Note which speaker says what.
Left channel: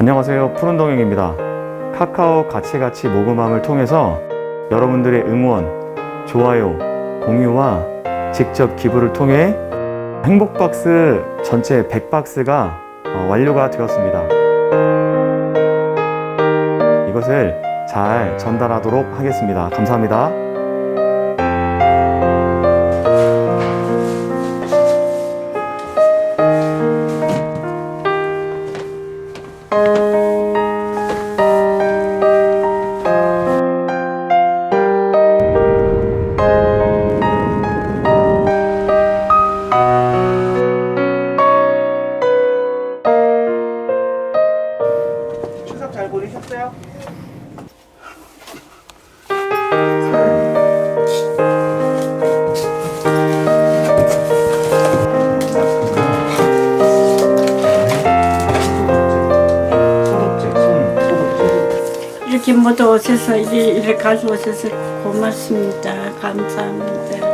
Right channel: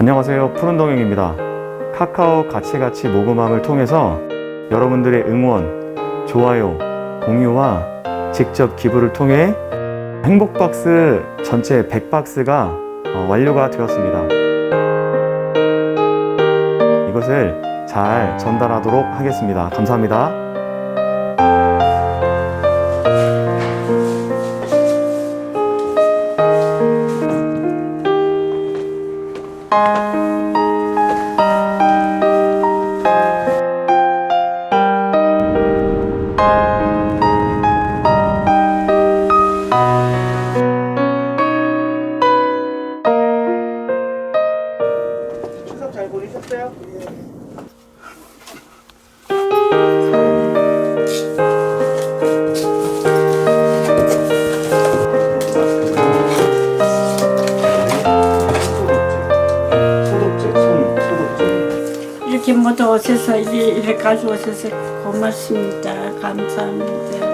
Speaker 1: 안녕하세요. 푸른동행입니다. 카카오 가치가치 모금함을 통해서 여러분들의 응원, 좋아요, 공유와 직접 기부를 통해 행복박스 전체 100박스가 어, 완료가 되었습니다. 이것을 잘 전달하도록 하겠습니다. 감사합니다.
Speaker 2: 추석 잘 보내셨어요?
Speaker 3: 이렇게 모두 오셔서 이렇게, 이렇게 가져오셔서 고맙습니다. 감사합니다.